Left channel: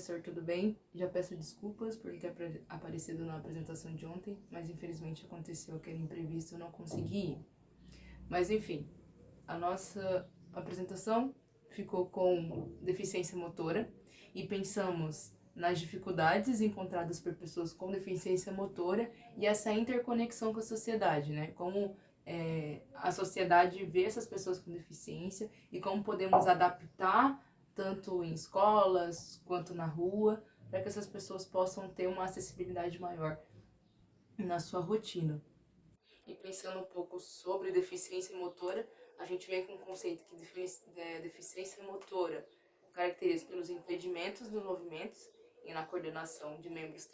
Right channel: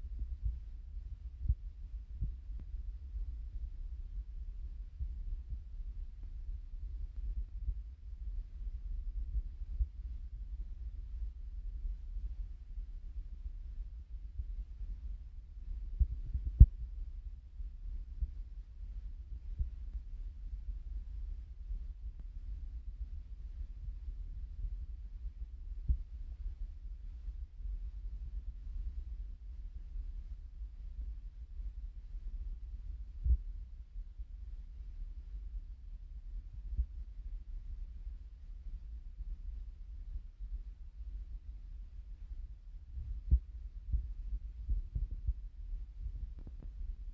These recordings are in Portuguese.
professor, tudo bem? Já peço desculpas por ter aparecido na apresentação de ontem, mas infelizmente aconteceu aquele imprevisto e eu não consegui ir. Mas enfim, a nossa apresentação ficou com deficiência motora e pensamos nas dificuldades encontradas por pessoas com deficiência motora e essa interconexão com a sociedade, né? Como a sociedade vê essas pessoas com deficiência e como podemos adaptar tanto em escolas quanto na rua, para que essas pessoas possam ter uma acessibilidade maior na sua rotina. E pensando um pouco sobre deficiência motora, a gente vem com um conceito que deficiência motora caracteriza pelos impedimentos dos movimentos e na coordenação de membros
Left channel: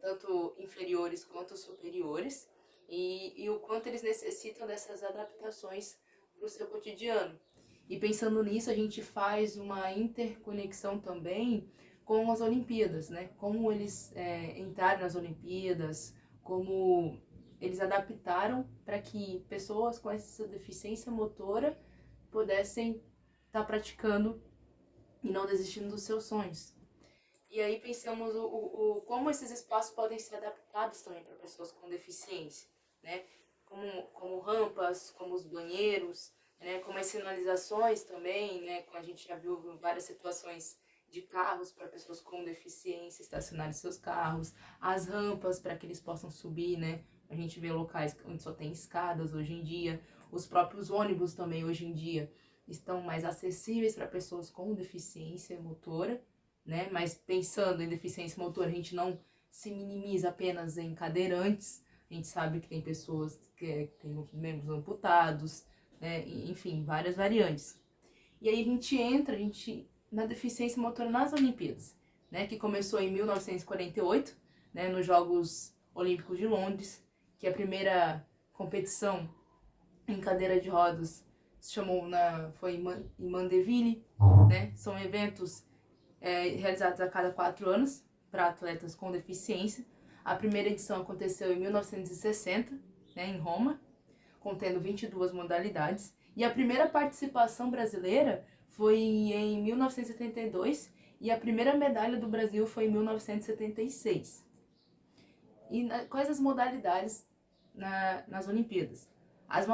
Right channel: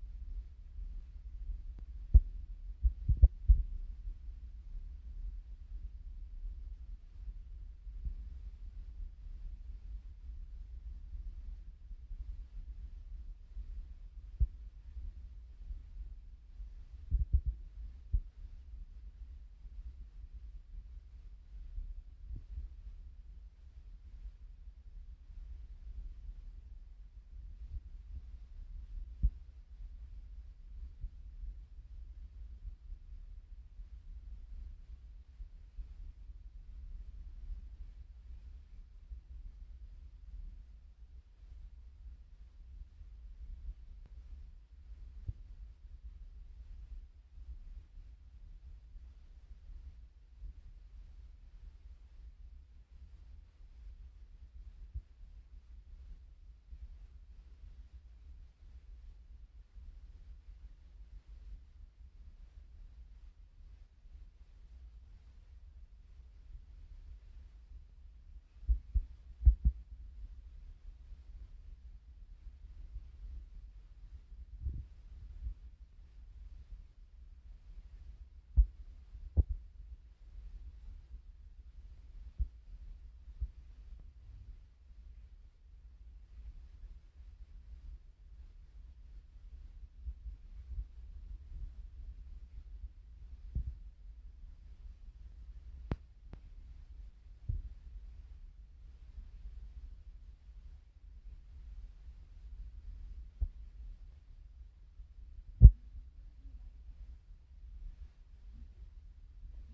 tanto inferiores quanto superiores, e o quanto eles necessitam dessas adaptações para o seu cotidiano. E pensando nisso, a gente faz uma interconexão também com as Olimpíadas, né? Como eles entraram nas Olimpíadas, como eles adaptaram para que pessoas com essa deficiência motora pudessem estar praticando e não desistindo dos seus sonhos. E aí pensamos como esses espaços podem ser adaptados também para pessoas com deficiência, né? Como rampas, como os banheiros, né? Como as sinalizações também, né? Como a gente já viu várias situações de carros para pessoas com deficiência estacionarem seus carros, as rampas para que eles possam subir, né? A gente vê locais onde só tem escadas hoje em dia, os próprios ônibus também hoje em dia estão mais acessíveis para pessoas com deficiência motora, né? Mas pensando em deficiência motora, a gente não se minimiza apenas em cadeirantes, a gente sabe que tem pessoas que têm membros amputados, né? Enfim, várias variantes. E aí a gente na deficiência motora nas Olimpíadas, né? Que começou em 1948, né? Nos Jogos Olímpicos de Londres, que a primeira competição em cadeira de rodas foi em Mandeville, né? São eventos realizados a cada 4 anos para atletas com deficiência. A primeira edição aconteceu em 1960, né, em Roma, contendo 22 modalidades. E a primeira participação brasileira foi em 1972 e a primeira medalha do Brasil foi em 1976. E quais as modalidades nas Olimpíadas? As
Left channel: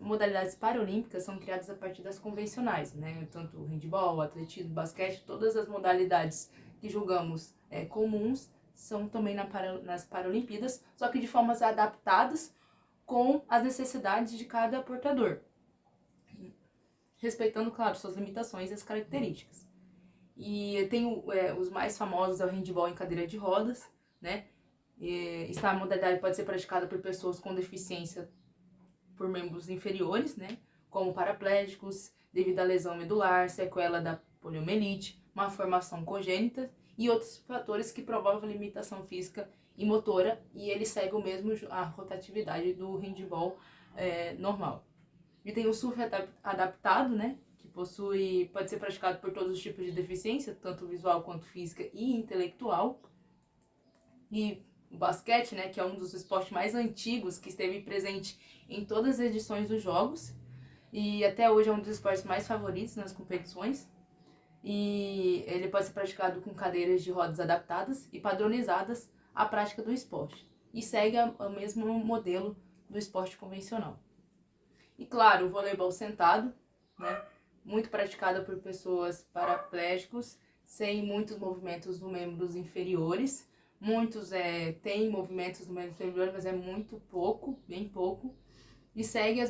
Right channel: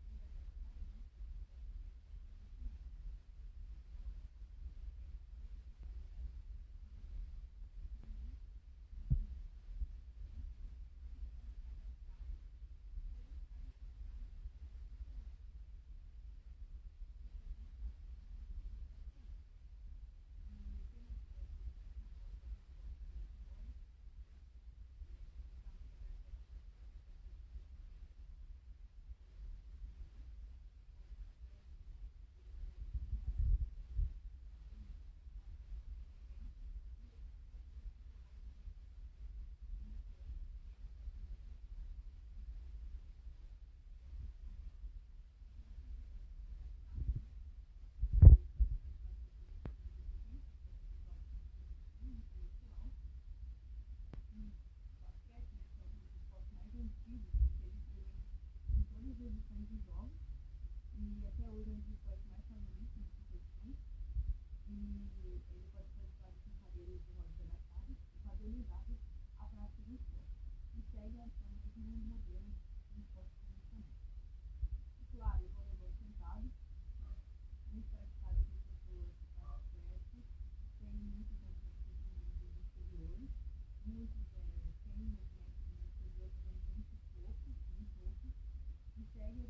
modalidades paralímpicas são criadas a partir das convencionais, né? Tanto o handebol, atletismo, basquete, todas as modalidades que julgamos comuns são também nas Paralimpíadas, só que de formas adaptadas com as necessidades de cada portador, respeitando, claro, suas limitações e as características. E tem os mais famosos é o handebol em cadeira de rodas, né? Esta modalidade pode ser praticada por pessoas com deficiência por membros inferiores, né, como paraplégicos, devido à lesão medular, sequela da poliomielite, uma formação congênita e outros fatores que provovam limitação física e motora, e ele segue o mesmo a rotatividade do handebol normal. E tem o surf adaptado, né, que pode ser praticado por todos os tipos de deficiência, tanto visual quanto física e intelectual. E o basquete, né, que é um dos esportes mais antigos, que esteve presente em todas as edições dos Jogos e até hoje é um dos esportes mais favoritos nas competições, e ele pode ser praticado com cadeiras de rodas adaptadas e padronizadas à prática do esporte e segue o mesmo modelo do esporte convencional. E claro, o voleibol sentado, né, muito praticado por pessoas paraplégicos sem muitos movimentos dos membros inferiores. Muitos têm movimentos do membro inferior, mas é muito pouco, bem pouco. E segue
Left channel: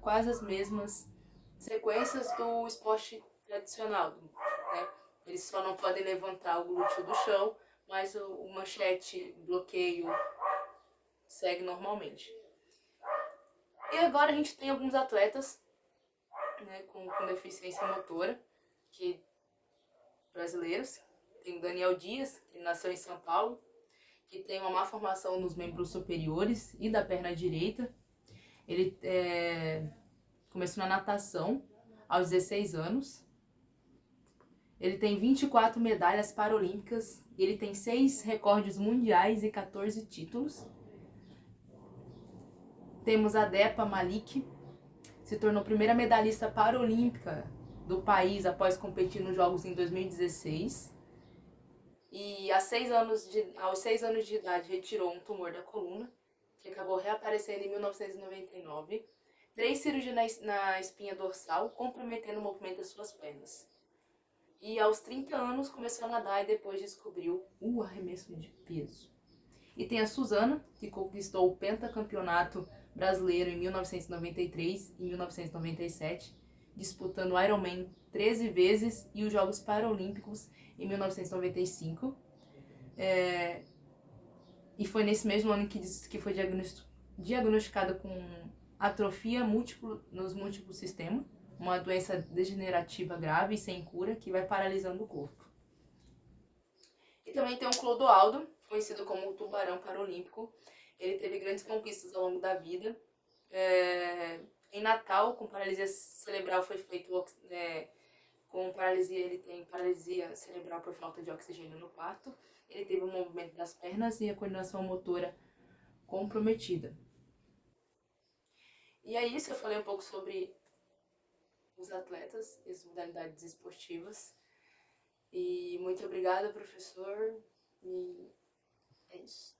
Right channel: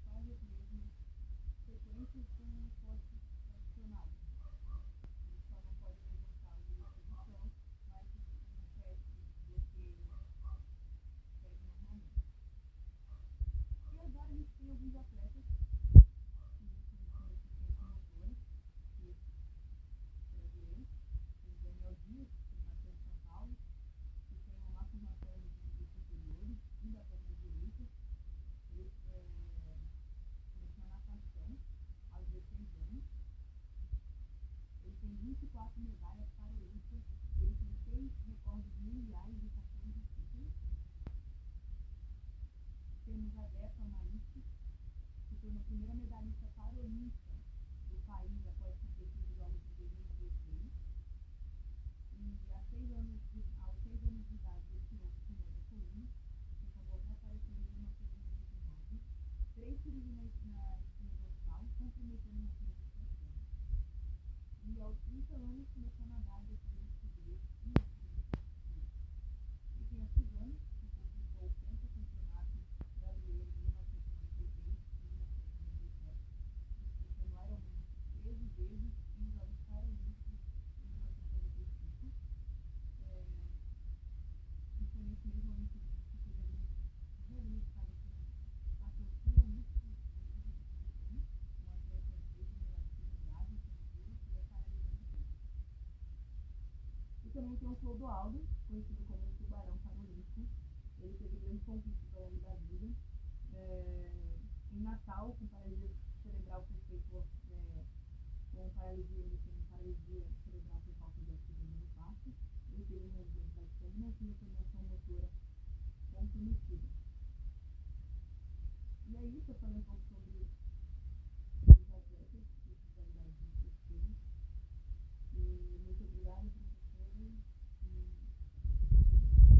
quase as mesmas sequências do esporte tradicional, né? Eles só não podem levantar o glúteo do chão, mas o manchete, bloqueio, segue normalmente. E agora a gente tem alguns atletas, né, com deficiência motora, brasileiros. Tem o Daniel Dias, que nasceu em São Paulo, que tem uma má formação nos membros superiores e da perna direita. Ele começou na natação aos 16 anos. Ele tem 24 medalhas paralímpicas. Ele tem 6 recordes mundiais e 14 títulos. Temos a Depa Malik, se tornou a primeira medalhista paralímpica do país após competir nos Jogos em 2016. E aos 6 anos de idade retirou um tumor da coluna, que acabou reaparecendo em 1999, 3 cirurgias na espinha dorsal, comprometendo o movimento das suas pernas. E aos 30 anos começou a nadar e depois descobriu o arremesso de peso. E tem a Suzana, que conquistou o pentacampeonato brasileiro em 1993 e 1997, disputando o Ironman 13 vezes e os Jogos Paralímpicos em 1995. E foi nesse mesmo ano que foi diagnosticada com atrofia nos múltiplos sistemas, uma doença degenerativa grave e sem cura que vai paralisando o corpo. E também tem o Clodoaldo, conhecido como o Tubarão Paralímpico. Ele teve grandes conquistas ao longo da vida. Em Natal, com paralisia cerebral, foi feito... com paralisia, ele tem paralisia cerebral por falta de oxigênio no parto. Ele teve o movimento das pernas e a coordenação motora comprometida. E é isso, eu falei um pouco sobre os atletas e as modalidades esportivas. E muito obrigada, professor. E é isso.